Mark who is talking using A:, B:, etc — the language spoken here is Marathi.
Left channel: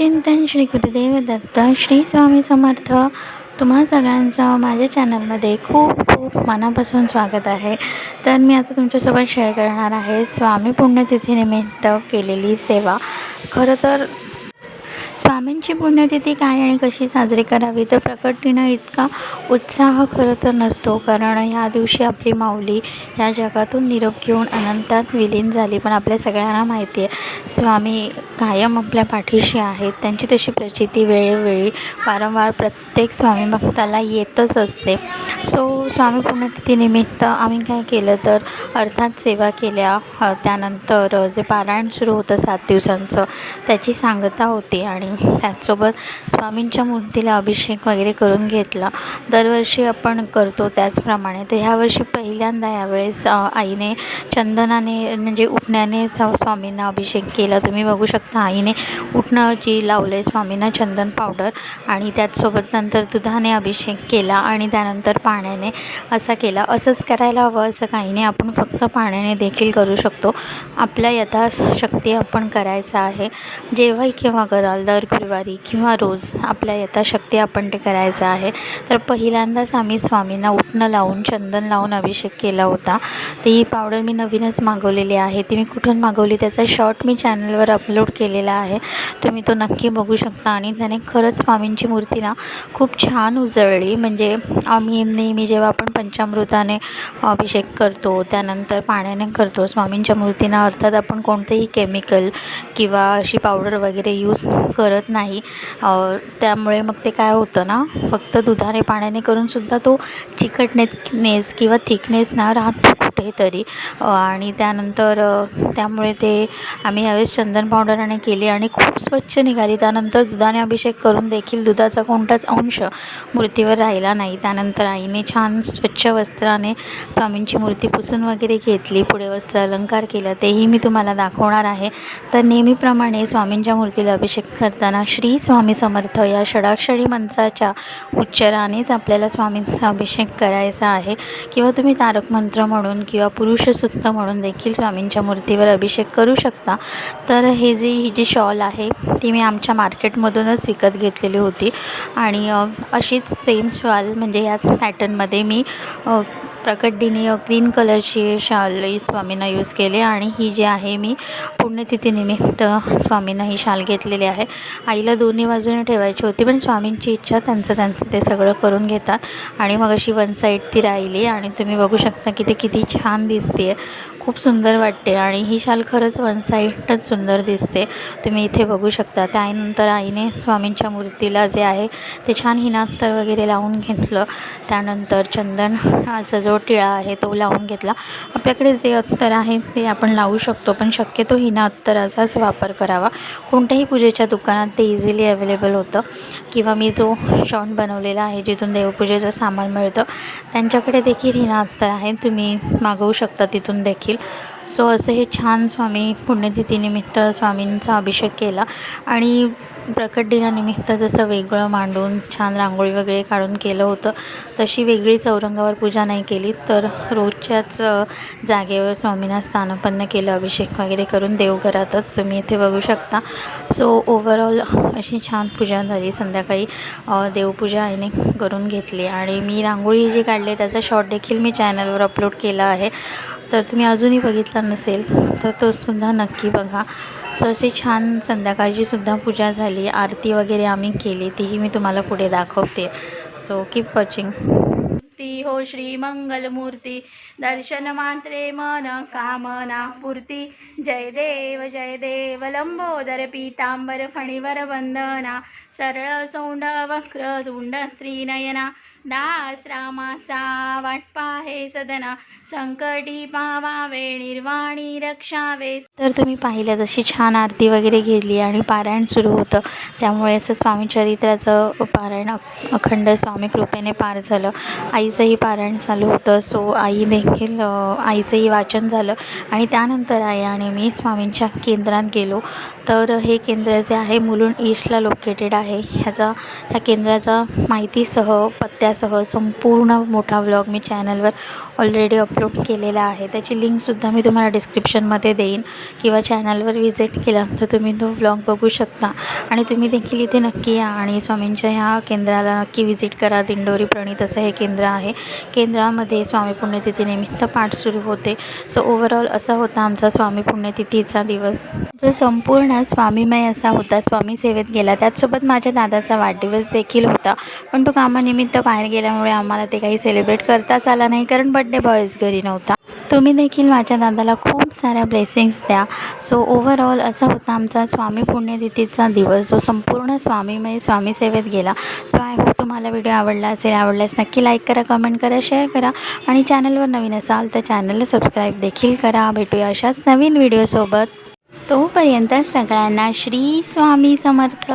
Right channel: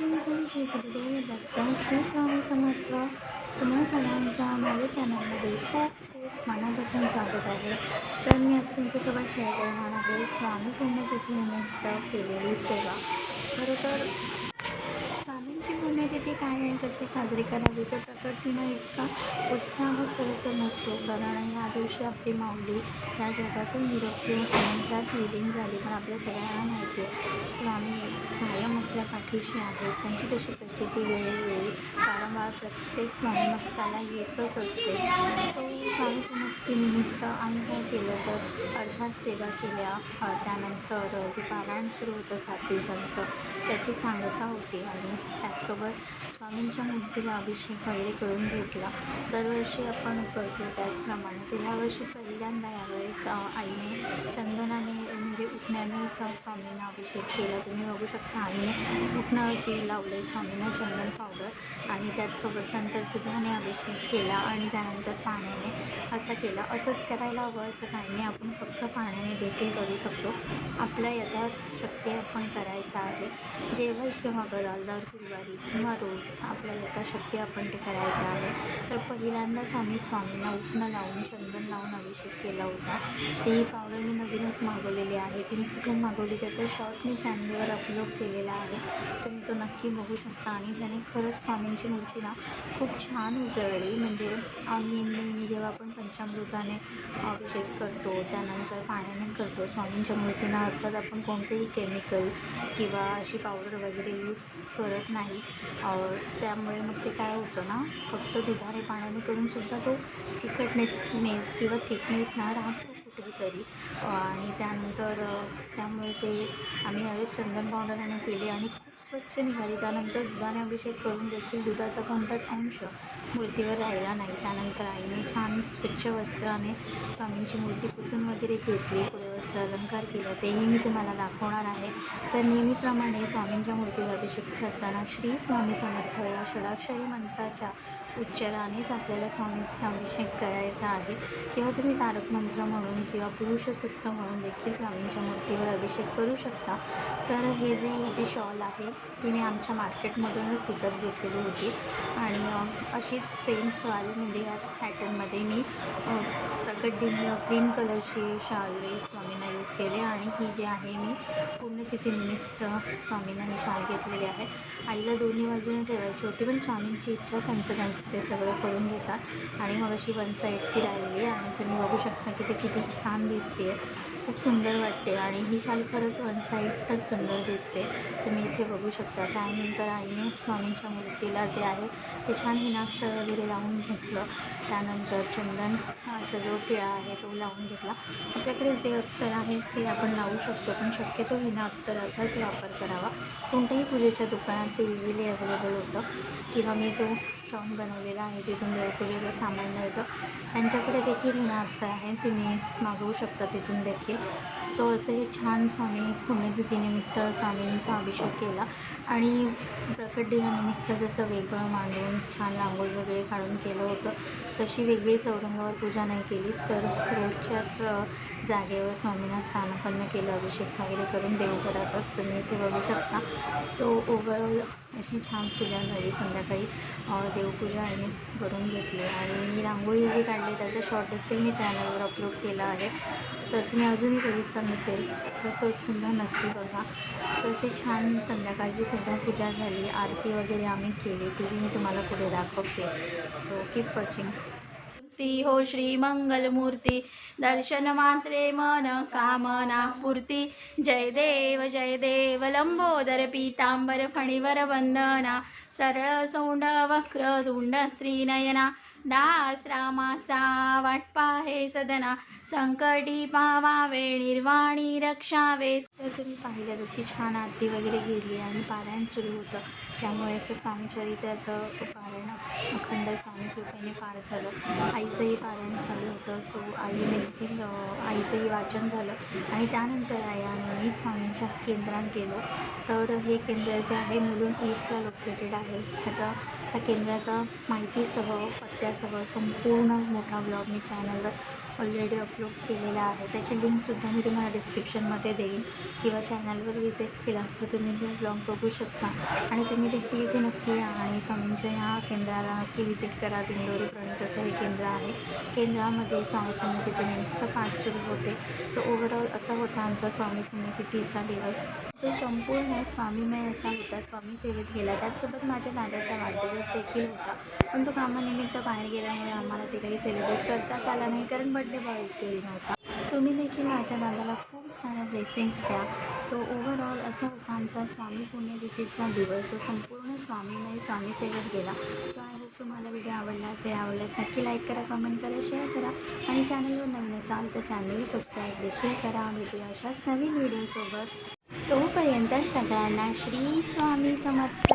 A: चिंतन श्री गुरुदेव दत्त श्री स्वामी समर्थ तुम्हा सगळ्यांचं माझ्या चॅनलमध्ये खूप खूप मनापासून स्वागत आहे. तर मी आता तुमच्यासोबत शेअर करणार आहे स्वामी पुण्यतिथीनिमित्त केलेली सेवा. खरं तर स्वामींची पुण्यतिथी काय आणि कशी साजरी करावी? तर प्रकटीनं इतका उत्साह खरं तर नसतो. कारण ह्या दिवशी आपली माऊली ह्या जगातून निरोप घेऊन अनंतात विलीन झाली. पण आपल्या सगळ्यांना माहिती आहे स्वामी कायम आपल्या पाठीशी आहेत. त्यांची तशी प्रचिती वेळोवेळी वारंवार प्रत्येक स्वामी भक्ताला येतच असते. सो स्वामी पुण्यतिथीनिमित्त आम्ही काय केलं तर अर्थात सेवा केल्या. त्यानंतर जे पारायण सुरू होतं सात दिवसांचं त्याची सांगता होती. आणि त्याचसोबत स्वामींच्या मूर्तीला अभिषेक वगैरे करून घेतला. दरवर्षी आपण करतो त्याचप्रमाणे. तर ह्यावर्षी पहिल्यांदा यावेळेस आईने चंदनाने म्हणजे उठण्याने स्वामींना अभिषेक केला. तुम्ही बघू शकता आईने उठणं जी लावले स्वामींना चंदन पावडर आणि त्याचसोबत नंतर दुधाने अभिषेक केला आणि त्यानंतर पाण्याने असा केला. असंच करायला हवं असं काही नाही आपण फक्त पाण्याने देखील करू शकतो. आपल्या यथाशक्ती आपण करायचं आहे. जेव्हाही केव्हा कराल दर गुरुवारी किंवा रोज आपल्या यथाशक्ती आपण ते करायचं आहे. तर पहिल्यांदाच आम्ही स्वामींना उठणं लावून चंदन लावून अभिषेक केला होता. ती ही पावडर मी नवीनच मागवलेली आहे. ती मी कुठून मागवली त्याचा शॉर्ट मी चॅनलवर अपलोड केलेला आहे. तुम्ही तो नक्की बघू शकता. आणि त्याने खरंच स्वामींची मूर्ती ना खूप छान उजळली. म्हणजे आम्ही नेहमी जेव्हा आपण पंचामृताने अभिषेक करतो त्यानंतर पाण्याने करतो स्वामींच्या मूर्तींना अर्थात आपण कोणतेही केमिकल किंवा अशी पावडर वगैरे यूज करत करत नाही. त्यामुळे मग ते काय होतं ना फक्त दुधाने पाण्याने करूनसुद्धा तो चिकटनेस किंवा थिकनेस ना राहतो. कुठेतरी. आणि त्यानंतर त्यामुळे ते आम्ही यावेळेस चंदन पावडराने केली आणि खूप स्वच्छ निघाली. त्यानंतर दुधाने अभिषेक करून देखील दुधाचा कोणताच अंश मूर्तीवर राहिला नाही. त्यानंतर आईने छान स्वच्छ वस्त्राने स्वामींची मूर्ती पुसून वगैरे घेतली पुढे वस्त्र अलंकार केला. तेही मी तुम्हाला दाखवणार आहे. तर नेहमीप्रमाणे स्वामींच्या मूर्तीला अभिषेक करताना श्री स्वामी समर्थ या षडाक्षरी मंत्राच्या उच्चारानेच आपल्याला स्वामींचा अभिषेक करायचा आहे. किंवा तुम्ही तारक मंत्र म्हणून किंवा पुरुषसूक्त म्हणून देखील स्वामींच्या मूर्तीवर अभिषेक करू शकता. तर हे जी ही जी शॉल आहे ती मी आमच्या मार्केटमधूनच विकत घेतलेली होती. आणि अशीच सेम शॉल म्हणजे याच पॅटर्नमध्ये मी अ, प्रकटदिनी ग्रीन कलरची शाल स्वामींना यूज केले. आणि ही जी आहे मी पुण्यतिथीनिमित्त स्वामींना ही शाल घेतलेली आहे. आईला दोन्ही बाजूने ठेवायची होती पण स्वामींची इच्छा त्यांचं त्यांचं ते सगळं करून घेतात. आणि मग अशी वन साईड ती राहिली. आणि तुम्ही बघू शकता की ते किती छान दिसते खूप सुंदर वाटते आणि ही शाल खरंच वन साईडच सुंदर दिसते. तुम्ही इथे बघू शकता. त्यानंतर आईने स्वामींच्या मूर्तीला जे आहे ते छान हिनात्तर वगैरे लावून घेतलं. त्यानंतर चंदन असा जो टिळा आहे तो लावून घेतला. आपल्याकडे जे अत्तर आहे ते आपण लावू शकतो पण शक्यतो हिना अत्तराचाच वापर करावा. कोणत्याही पूजेच्या दुकानात ते इझिली अवेलेबल होतं. किंवा मी जो शॉन बनवलेला आहे जिथून देवपूजेचं सामान मिळतं त्यांच्याकडे देखील हिना अत्तर आहे. तुम्ही मागवू शकता तिथून देखील. सो असं हे छान स्वामी पुण्यतिथीनिमित्त स्वामींचा अभिषेक केला. आणि प्रकट दिनानिमित्त जसं वेगळं मांडून छान रांगोळी वगैरे काढून केलं होतं तशी वेगळी चौरंगावर पूजा नाही केली तर रोजच्याच जागेवर स्वामींना स्थानपन्न केलं अभिषेक वगैरे करून देवघरातच तुम्ही इथे बघू शकता. सो ओव्हरऑल अशी छान पूजा झाली. संध्याकाळी देवपूजा आईने करून घेतली. आणि मी रांगोळी जी काढली त्याचा शॉर्ट देखील मी चॅनलवर अपलोड केला आहे. तर तुम्ही अजूनही बघितला नसेल तर तोसुद्धा नक्की बघा. सो अशी छान संध्याकाळची सुद्धा पूजा झाली आरती वगैरे आम्ही केली तीही मी तुम्हाला पुढे दाखवते. सो कीप वॉचिंग मूर्ती हो श्री मंगलमूर्ती. दर्शन मात्रे मन कामना पूर्ती. जय देव जय देव लंबोदर पीतांबर फणीवर वंदना. सरळ सोंड वक्र तुंड स्त्रीनयना दास रामाचा वाटपा हे सदना. संकटी पावावे निर्वाणी रक्षावे. तर तुम्ही पाहिलं जशी छान आरती वगैरे घेतली आणि पारायण सुरू होतं. त्यामुळे असं स्वामी चरित्राचं पारायण अखंड स्वामी कृपेने पार झालं. आईचंही पारायण चालू होतं. सो आई देखील आईचंही वाचन झालं. आणि त्यानंतर आई आणि मी स्वामींच्या केंद्रात गेलो. तर हे केंद्र जे आहे मुलुंड ईस्टला लोकेटेड आहे. ह्याचा ह्या केंद्राचा माहितीसह पत्त्यासह संपूर्ण मोठा व्लॉग मी चॅनलवर ऑलरेडी अपलोड केलेला आहे. त्याची लिंकसुद्धा मी तुम्हाला डिस्क्रिप्शनमध्ये देईन किंवा चॅनलवर विजिट केला तर तुम्ही तो ब्लॉग बघू शकता. आणि तुम्ही देखील इथे नक्की या आणि स्वामींच्या ह्या केंद्राला नक्की व्हिजिट करा. दिंडोरी प्रणित असं हे केंद्र आहे. केंद्रामध्ये स्वामी पुण्यतिथीनिमित्त पाठ सुरू होते. सो ओव्हरऑल असा होता आमचा स्वामी पुण्यतिथीचा दिवस. जो संपूर्ण स्वामीमय असा होता स्वामी सेवेत गेला त्याचसोबत माझ्या दादाचा वाढदिवस देखील होता. पण तो कामानिमित्त बाहेर गेल्यामुळे आम्हाला ते काही सेलिब्रेट करताच आला नाही. कारण बड्डे बॉयच घरी नव्हता. तुम्ही देखील माझ्या दादाला खूप साऱ्या ब्लेसिंग्स द्या. सो ओव्हरऑल असा होता आमचा स्वामी पुण्यतिथीचा दिवस. जो संपूर्ण स्वामीमय म्हणजे स्वामी सेवेत गेला. सो आय होप तुम्हाला व्हिडिओ आवडला असेल आवडल्यास नक्की लाईक करा कमेंट करा शेअर करा. आणि चॅनलवर नवीन असाल तर चॅनलला सबस्क्राईब देखील करा. भेटूया अशाच नवीन व्हिडिओसोबत तोपर्यंत सगळ्यांना श्री स्वामी समर्थ.